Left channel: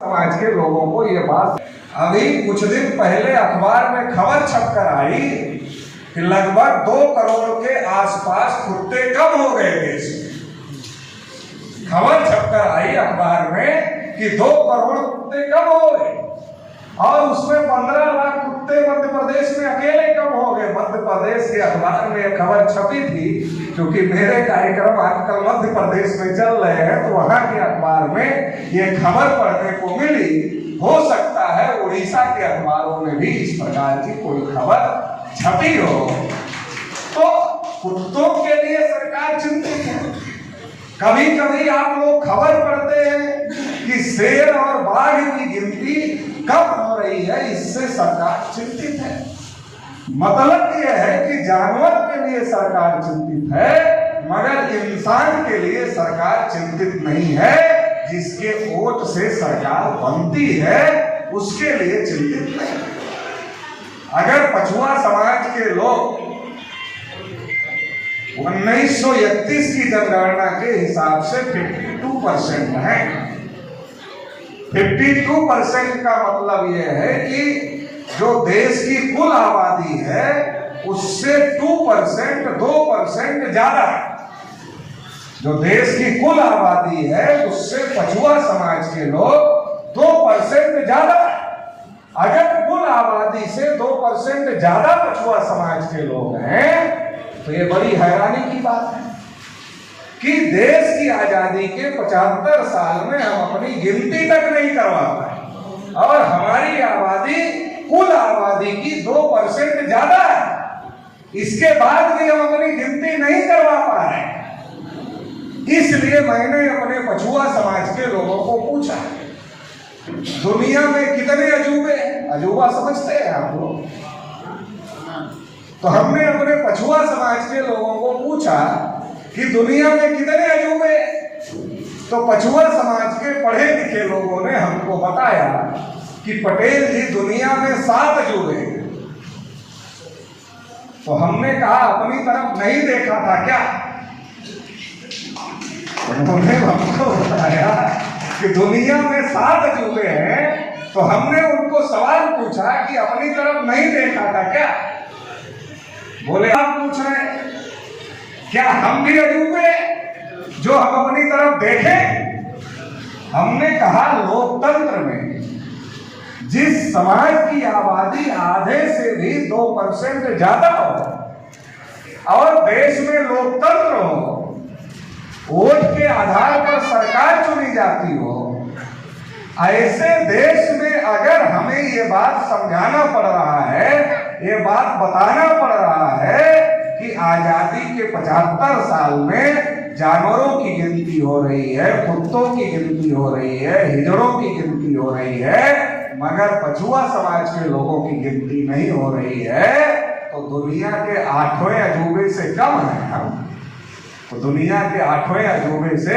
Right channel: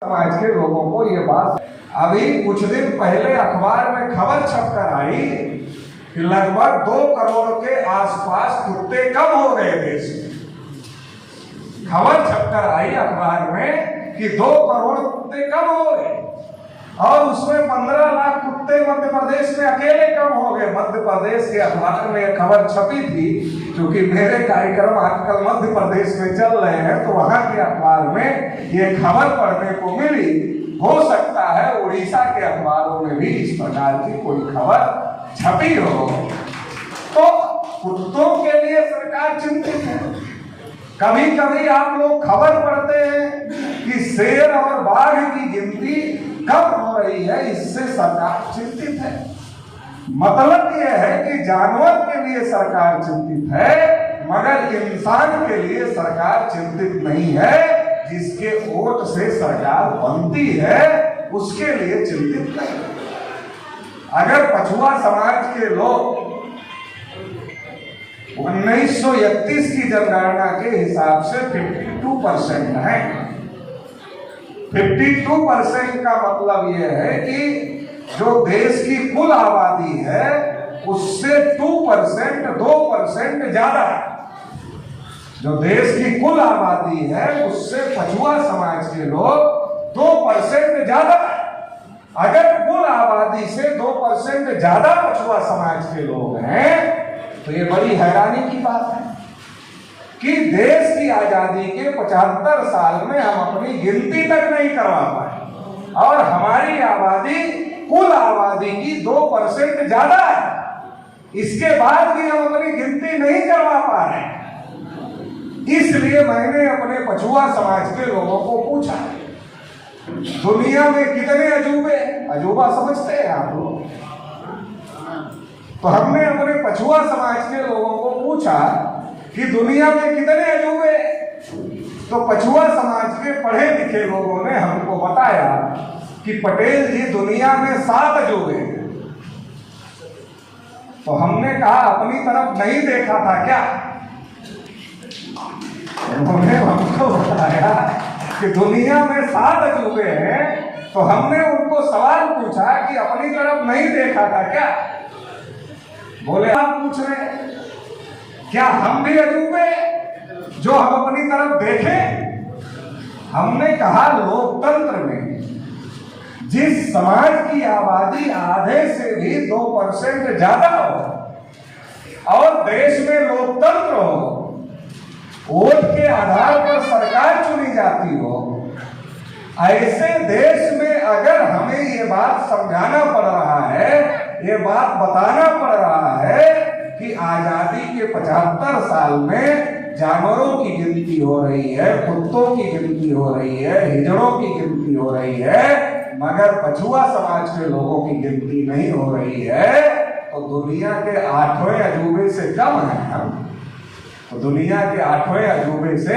समाज के लोगों को ये बात, अभी कुछ दिन पहले अखबार में खबर छपकर आई कि लगभग 2 करोड़ के आसपास कुत्ते कम हो गए देश में। खबर छपकर आई अखबार में कि 2 करोड़ कुत्ते कम हो गए और उसमें 15 लाख कुत्ते मध्य प्रदेश में अकेले कम हो गए। मध्य प्रदेश के अखबार में खबर छपी थी, क्योंकि मेरे कार्यक्रम आजकल मध्य प्रदेश में चल रहे हैं, तो वहां के अखबार में ये खबर पढ़ने को मिली। हो सकता है उड़ीसा के अखबारों में भी इस प्रकार की कोई खबर छपी हो। तो कुत्तों के लिए सरकार चिंतित है। कभी कभी आप लोग खबर पढ़ते हैं कि शेर और बाघ की गिनती कम हो रही है, इससे सरकार चिंतित है। मतलब यह है कि जानवर के लिए सरकार चिंतित है, मगर इंसान के लिए सरकार चिंतित नहीं है। जिसके वोट से सरकार बनती है उसके लिए चिंतित नहीं है। अगर पछुआ समाज के लोग 1931 की जनगणना के हिसाब से 52% है। 52% का मतलब यह है कि जो देश की कुल आबादी है उससे 2% ज्यादा है। जो देश की कुल आबादी है उससे पछुआ समाज के लोग 2% ज्यादा है। अगर कुल आबादी से 2% ज्यादा पछुआ समाज के लोग हैं तो ये बड़ी हैरानी की बात है कि देश की आजादी के 75 साल में हम अपनी गिनती तक नहीं करवा पाए और हमारी आबादी कुल आबादी की 2% ज्यादा है। इसके बाद भी हम अपनी गिनती नहीं करवा पा रहे हैं। इसलिए मैंने अपने पछुआ समाज के लोगों को पूछा, दुनिया में कितने अजूबे हैं? अजूबा समझते हैं आप लोग? तो हमने अपने पछुआ समाज के लोगों को पूछा कि दुनिया में कितने अजूबे हैं? तो पछुआ समाज के पढ़े लिखे लोगों ने हमको बताया कि पटेल जी दुनिया में 7 अजूबे हैं। तो हमने कहा अपनी तरफ नहीं देखा था क्या? उन्होंने हमको बताया कि दुनिया में 7 अजूबे हैं। तो हमने उनको सवाल पूछा कि अपनी तरफ नहीं देखा था क्या? बोले आप पूछ रहे हैं क्या हम भी अजूबे जो हम अपनी तरफ देखें? हमने कहा लोकतंत्र में जिस समाज की आबादी आधे से भी 2% ज्यादा हो और देश में लोकतंत्र हो, वोट के आधार पर सरकार चुनी जाती हो, ऐसे देश में अगर हमें ये बात समझाना पड़ रहा है, ये बात बताना पड़ रहा है कि आजादी के 75 साल में जानवरों की गिनती हो रही है, कुत्तों की गिनती हो रही है, हिजड़ों की गिनती हो रही है, मगर पछुआ समाज के लोगों की गिनती नहीं हो रही है, तो दुनिया के 8वें अजूबे से कम है हम। तो दुनिया के 8वें अजूबे से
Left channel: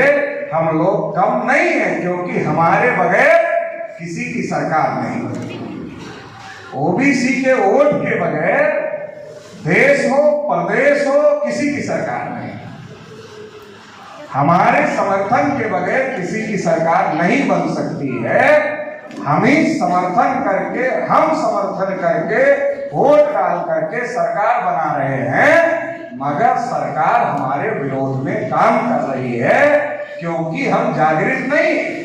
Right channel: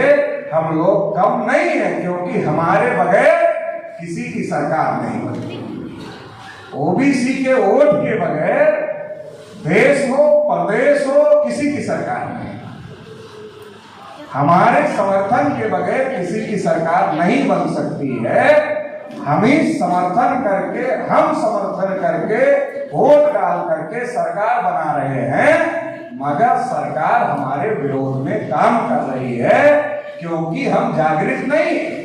हम लोग कम नहीं है, क्योंकि हमारे बगैर किसी की सरकार नहीं बनती। ओबीसी के वोट के बगैर देश हो प्रदेश हो किसी की सरकार नहीं। हमारे समर्थन के बगैर किसी की सरकार नहीं बन सकती है। हम ही समर्थन करके वोट डाल करके सरकार बना रहे हैं, मगर सरकार हमारे विरोध में काम कर रही है क्योंकि हम जागृत नहीं हैं।